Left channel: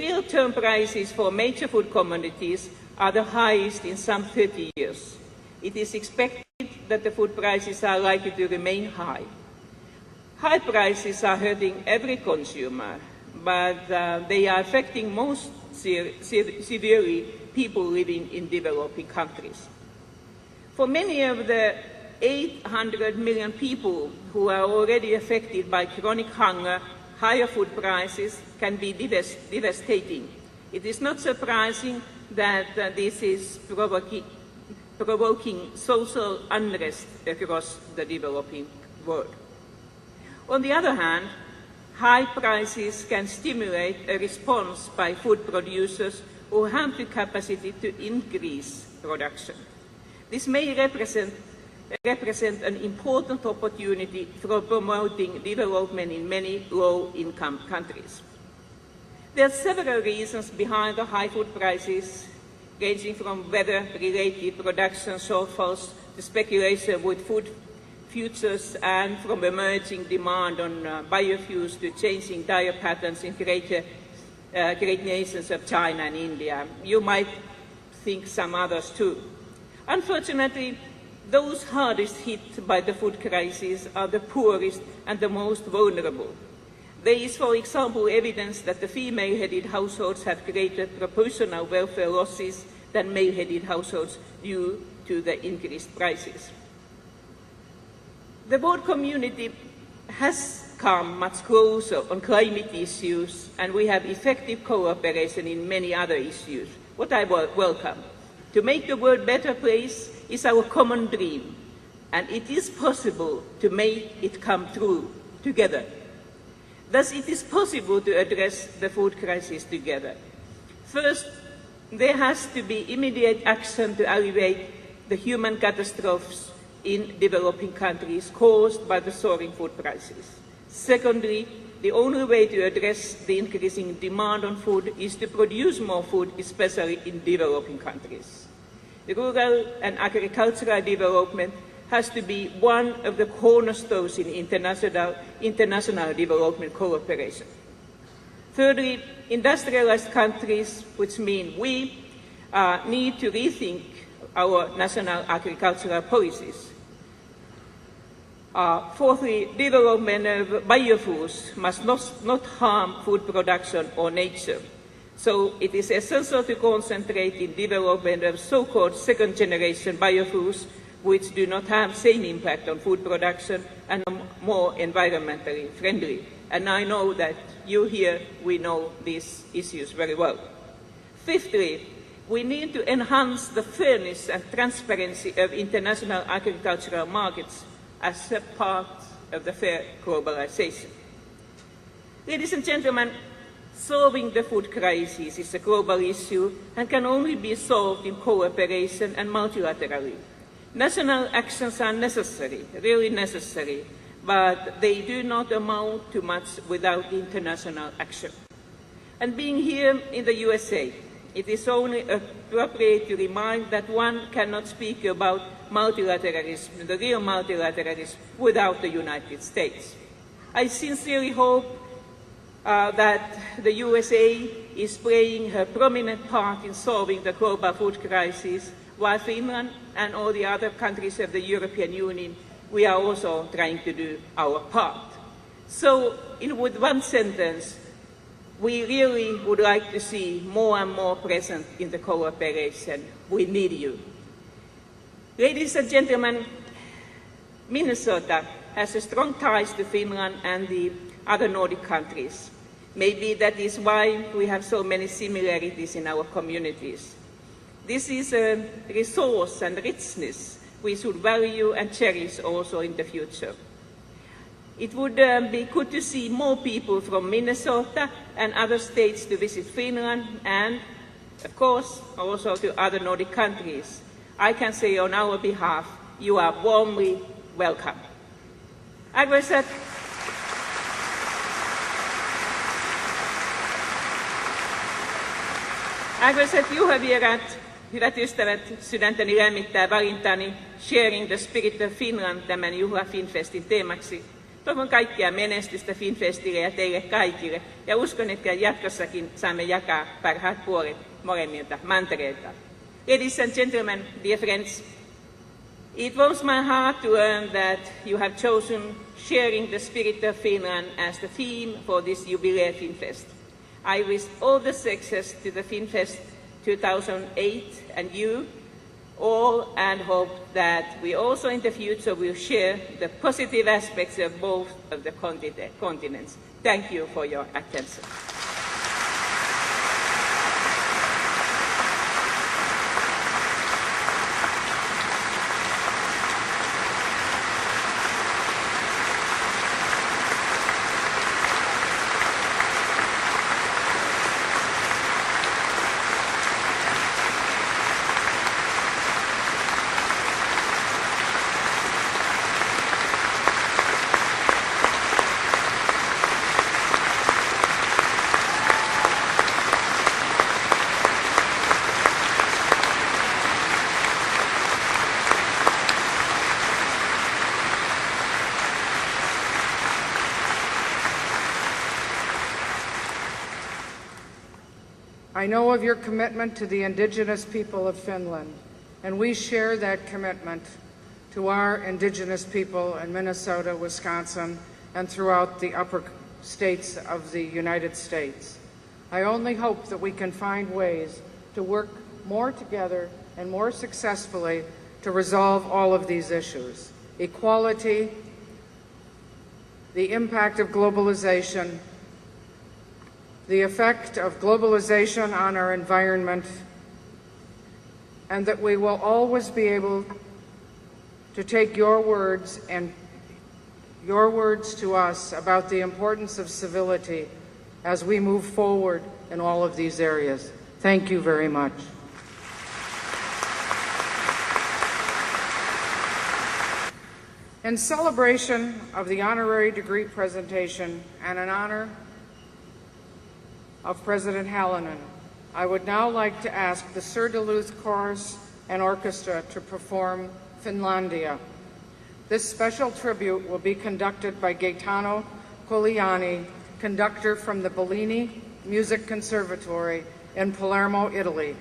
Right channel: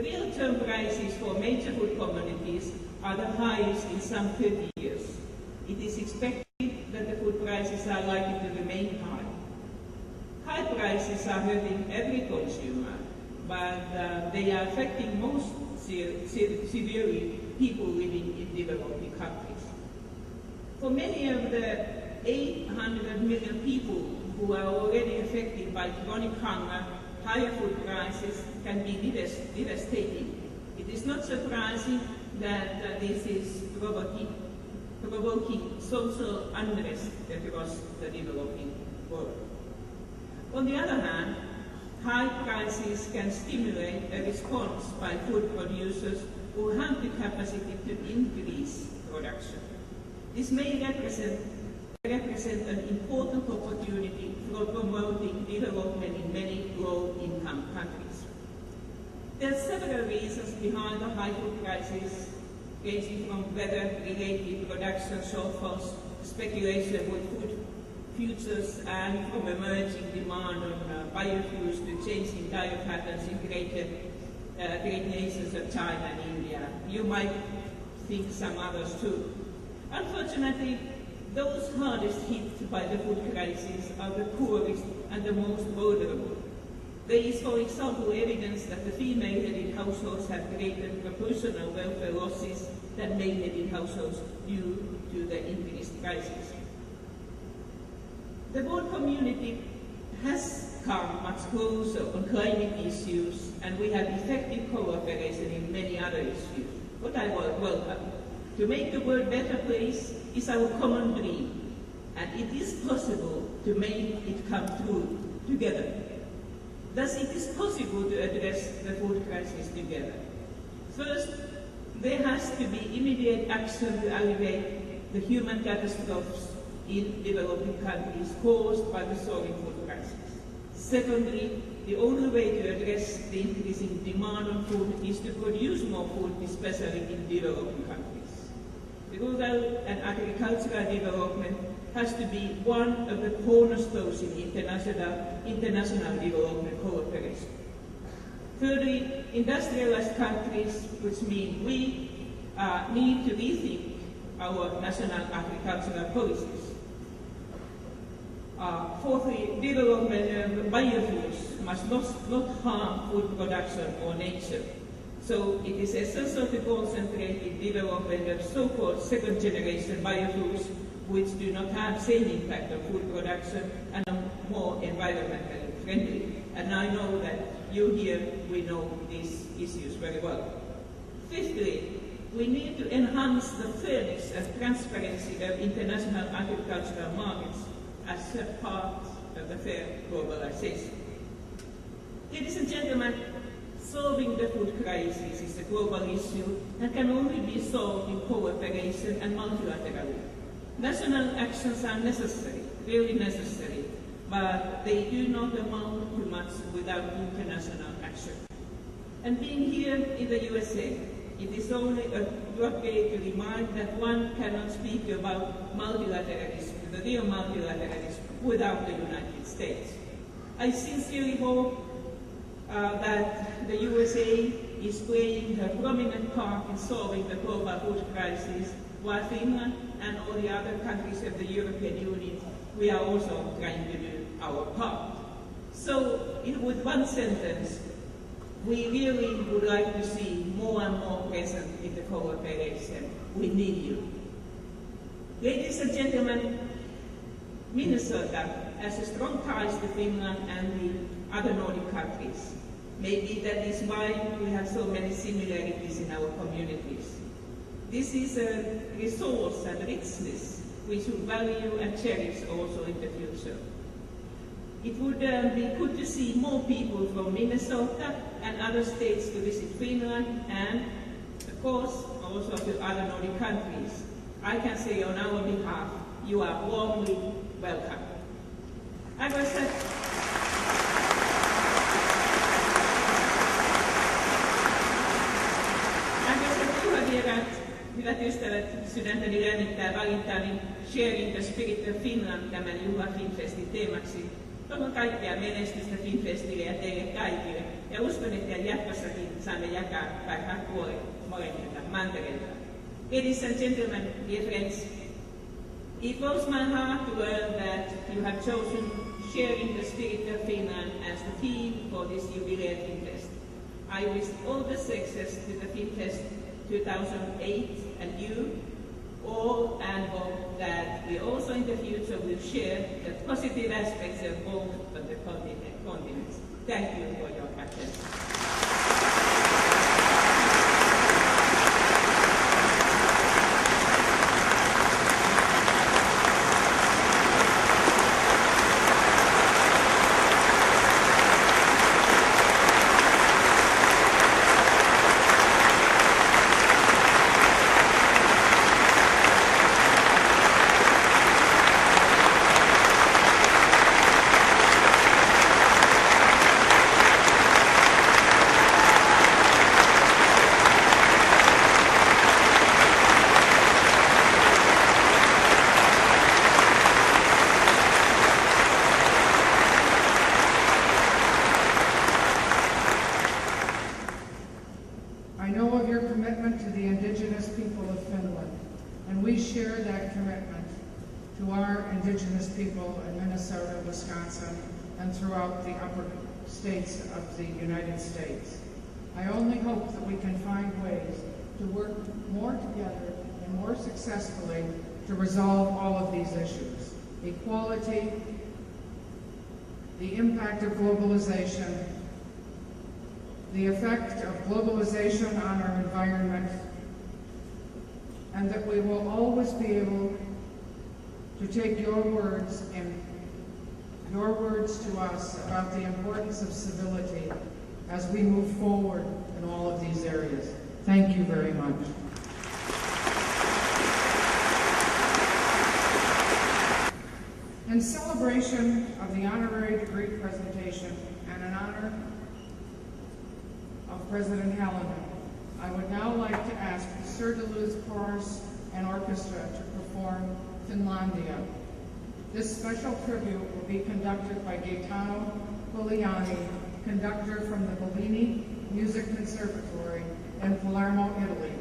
real term prices for major food commodities are the highest in some 30 years. It is expected that the food prices are likely to remain high. High prices are hurting every consumer, but they are affecting most severely people living in developing countries. For many of the 800 million people who are already affected by chronic hunger, higher food prices can be devastating. It is not surprising that this is provoking social unrest across the developing world. On the other hand, high prices can stimulate a response by food producers who have the capacity to increase production. This may represent an important opportunity for promoting development in many low-income countries. There are several reasons behind the high food prices, ranging from weather-related production shortfalls to speculation with food futures and from emerging demand on biofuels to changing diet patterns in great nations of China and India. You might think some others too. Unfortunately, those hardest hit by the food crisis are the poorest and the most vulnerable. There is, for example, evidence that the female-headed households have greater proportional welfare losses than male-headed households due to the increased prices. The world community has come much closer on climate issues, and we have effective cooperation in many other issues, what I welcome. To make the world a better place is our common dream, and it is possible to make it come true together. Thus, it is possible to address the food crisis together. First, there has to be immediate action to alleviate the human catastrophes in developing countries caused by the soaring food prices. Secondly, the only way to address the increasing demand on food is to produce more food, especially in developing countries. The rural and agricultural development has to be one of the cornerstones in international development cooperation. Thirdly, industrialized countries, which mean we, need to rethink our national agricultural policies. Fourthly, development of biofuels must not harm food production or nature. So it is essential to concentrate in development of so-called second-generation biofuels, which do not have the same impact on food production and are more environmentally friendly. And I know that you here, we know these issues very well. Fifthly, we need to enhance the fairness and transparency of international agricultural markets as a part of the fair globalization. Ladies and gentlemen, solving the food crisis is a global issue and can only be solved in cooperation and multilaterally. National actions are necessary, really necessary, but they do not amount to much without international action. And being here in the USA, it is only appropriate to remind that one cannot speak about multilateralism, the real multilateralism, without the United States. I sincerely hope that the USA is playing a prominent part in solving the global food crisis, while Finland and all the other countries of the European Union, we are also trying to do our part. So, with one sentence, we really would like to see more and more present in the cooperation. We need you. Ladies and gentlemen, Minnesota has a strong ties to Finland and the other Nordic countries. Maybe that is why we have so many similarities in our communities. This is a resource and richness we should value and cherish also in the future. It would be good to see more people from Minnesota and other states to visit Finland and, of course, also to other Nordic countries. I can say on our behalf, you are warmly welcome. Arvoisat juhlavieraat, hyvät ystävät, sydäntäni lämmittää valintani Sharing the Spirit of Finland tämän juhla FinnFestin teemaksi. Toivon kaikkea menestystä FinnFestille ja teille kaikille, ja uskon, että jatkossakin saamme jakaa parhaat puolet molemmilta mantereilta. Ladies and gentlemen, dear friends, it warms my heart to learn that you have chosen sharing the spirit of Finland as the theme for this jubilee FinnFest. I wish all the success to the FinnFest 2008 and you all, and hope that we also in the future will share the positive aspects of both of the continents. Thank you for your attention. I know of your commitment to the indigenous people of Finland, and we share that commitment to our indigenous people in Minnesota, Wisconsin, and throughout the upper states of the United States. I only hope that we can find ways to work more together and more successfully to resolve all of these issues. Equality, the impact of globalization, the effect of globalization on our environment, and that we will always be able to take your words and your words to us about the importance of civility as we move forward in all of these areas. Thank you very much. In celebration of the honorary degree presentation and in honor of President Halonen, I would now like to ask the Sir Duluth Chorus and Orchestra to perform Finlandia. This special tribute will be conducted by Gaetano Coliani, conductor from the Bellini Music Conservatory in Palermo, Italy.